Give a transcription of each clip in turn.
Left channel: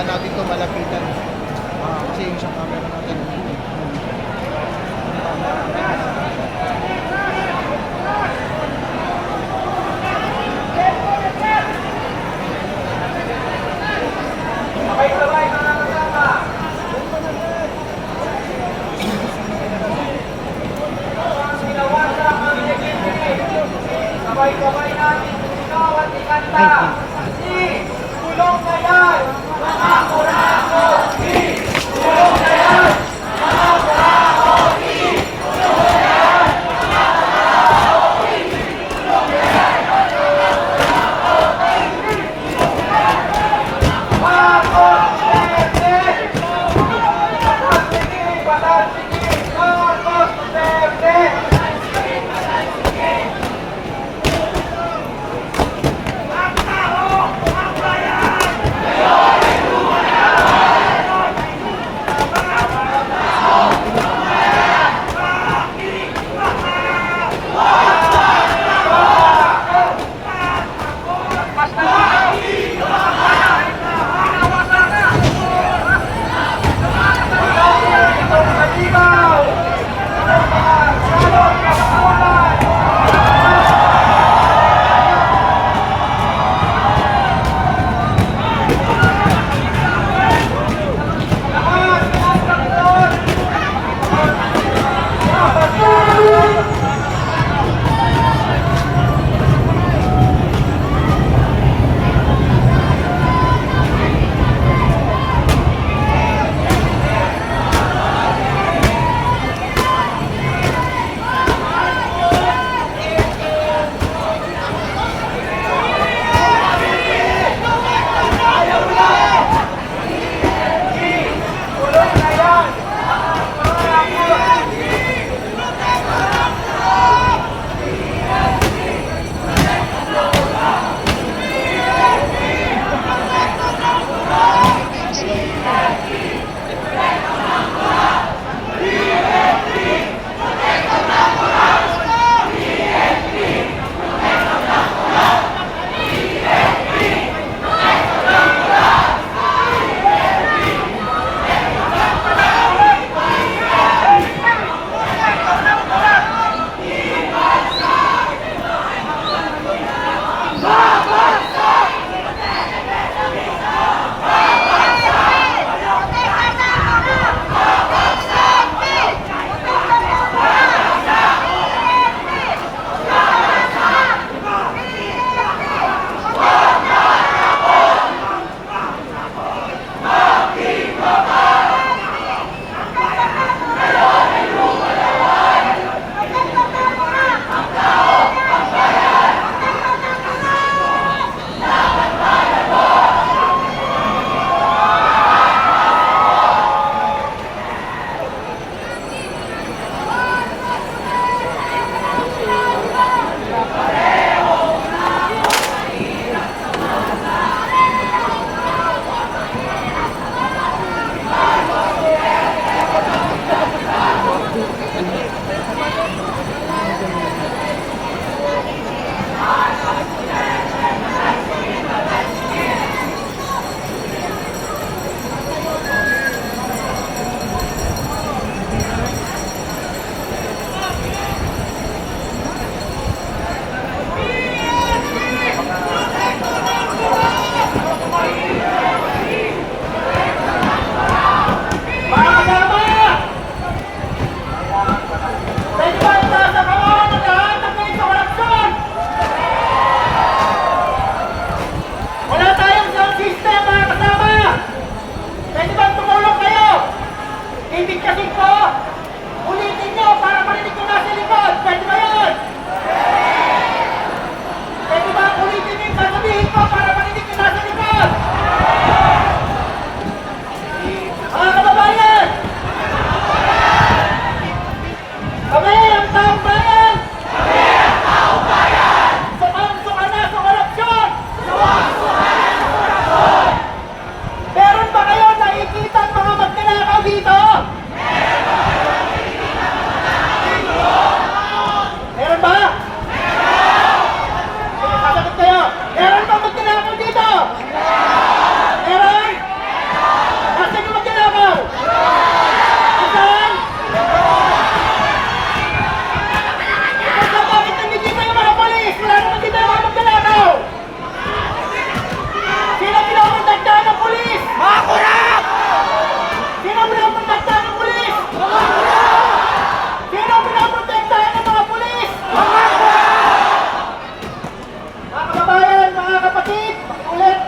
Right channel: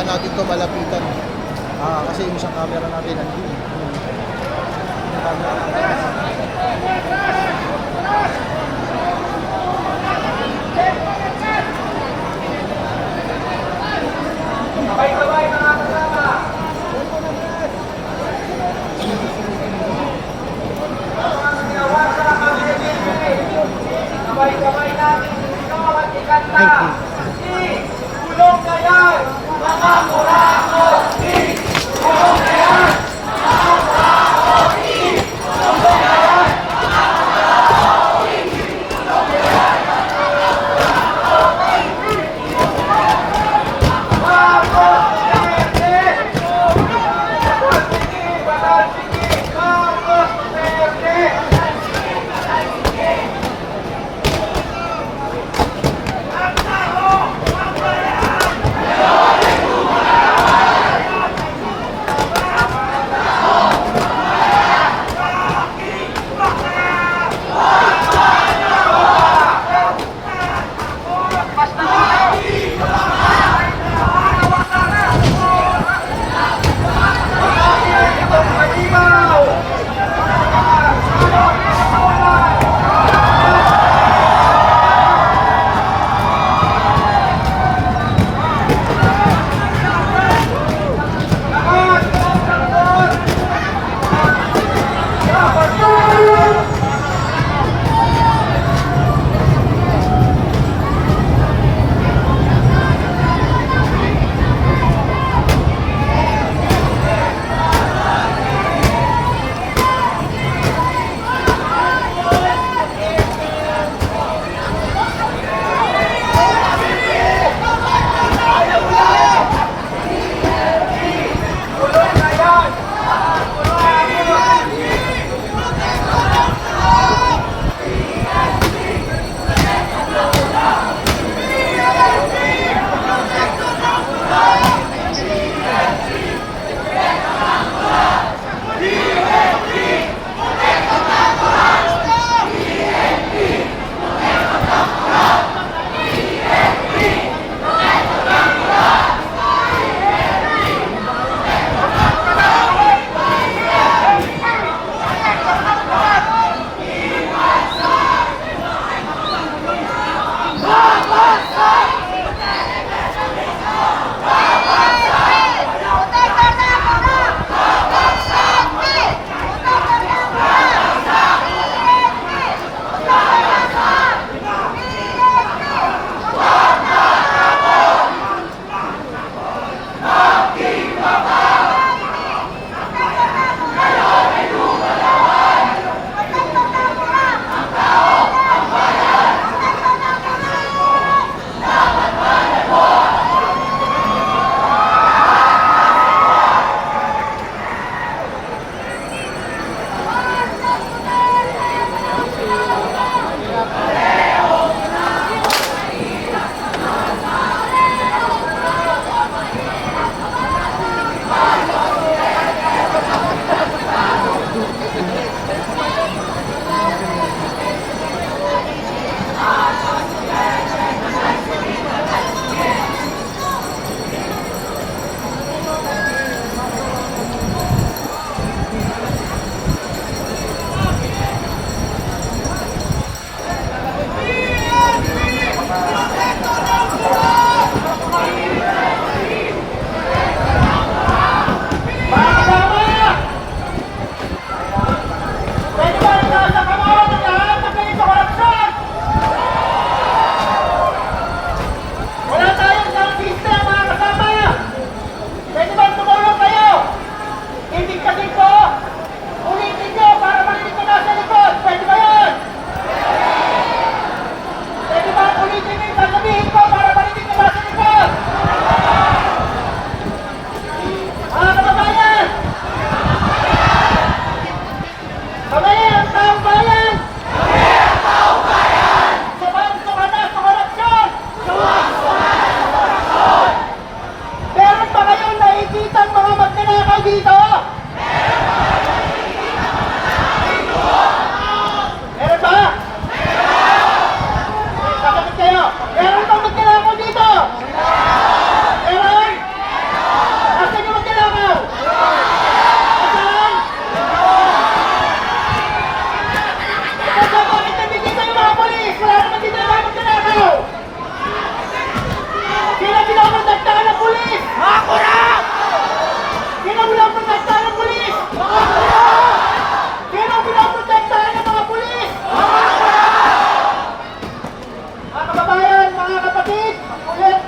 baka natin ito malapitan. Kasi yung isang camera natin nandun eh. Yung camera natin. Sabay-sabay mga kasama. Habang sinawasa ang legend, sabay-sabay natin sumigaw at ikanta. Si Kulong na yan, mga kurako! Si Kulong na yan, mga kurako! Si Kulong na yan, mga kurako! Si Kulong na yan, mga kurako! Marcos Duterte! Batal sige! Marcos Duterte! Ang tao! Ang bayan! Ngayon ay lumana! Mga kurap! Sino pinaprotektahan ng pulis? Mga kurap! Sino pinaprotektahan ng mga pulis? Mga kurap! Mga kababayan, mga kapatid, ulit.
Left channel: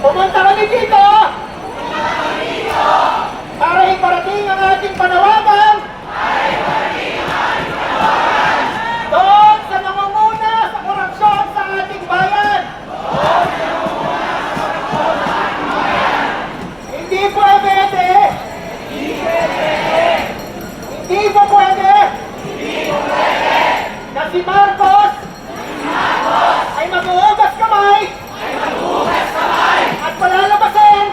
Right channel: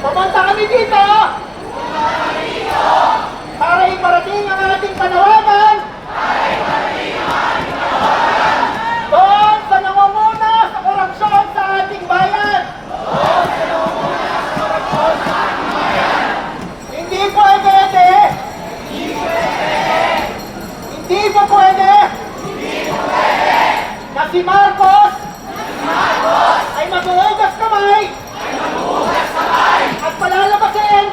Pumunta kami dito para iparating ang ating panawagan doon sa nangunguna sa korupsyon sa ating bayan. Hindi pwede. Hindi pwede na si Marcos ay mag-uugas kamay at palalabasin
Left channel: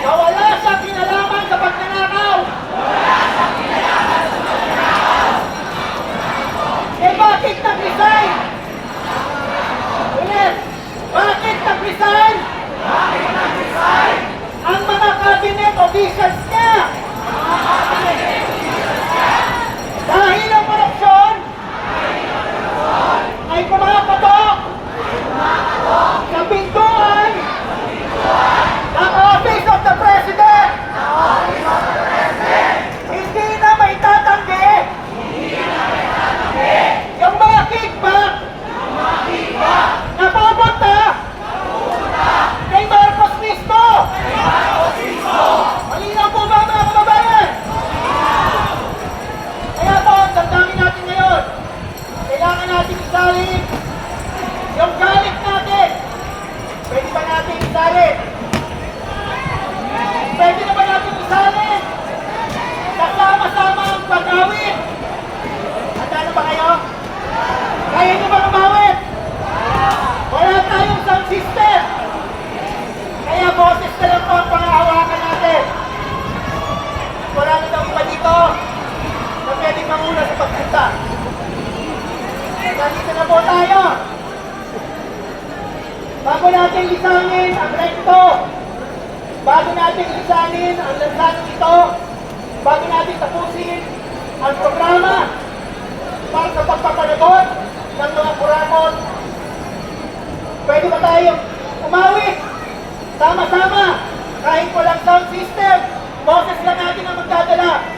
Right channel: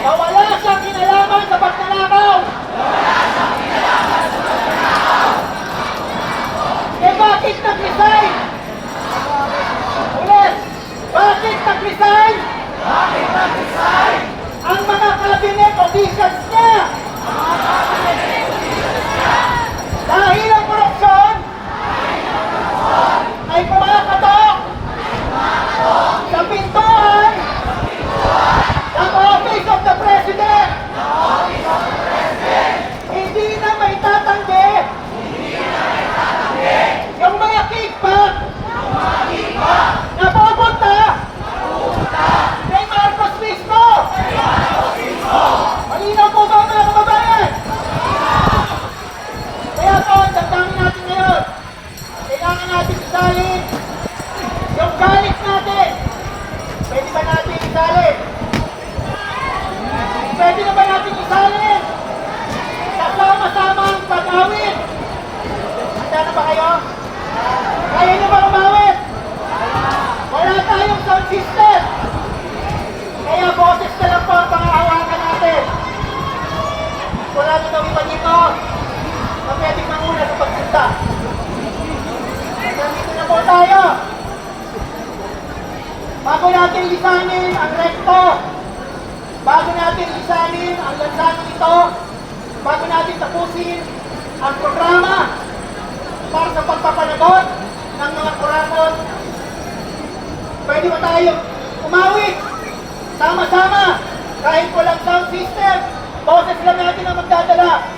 na wala siyang kinalaman sa pagnanakaw. Eh bakit nag-resign? Ulit, bakit nag-resign? Ang mga cabinet officials niya. Dahil ang korupsyon ay pumakatok sa pintuan ng Office of the President. Hindi na may tatanggi yung mga kickback na pupunta kay Marcos mismo. Malinaw po ba mga kababayan? Kaya po, damdamin natin ngayon, kailangan natin isalin yung galit natin. Pwede ba natin isalin? Pwede na ba natin isalin? Kasama-sama ang pag-awit. Handa na ba kayo? Kaya na ba kumawit? Wala tayong sound system. Kaya boses na lang po ang pangahawakan natin. Kurado daw iba dito na pwedeng manguna sa pagpunta. Nandito na po tayo. Bago natin lisanin ang rekto, bago natin lisanin ang lansangan ito, bago natin tapusin ang programa para sa pagpapanagot ng mga kurakot, pwede ba tayo umawit? Sama-sama, kahit walang sound system, boses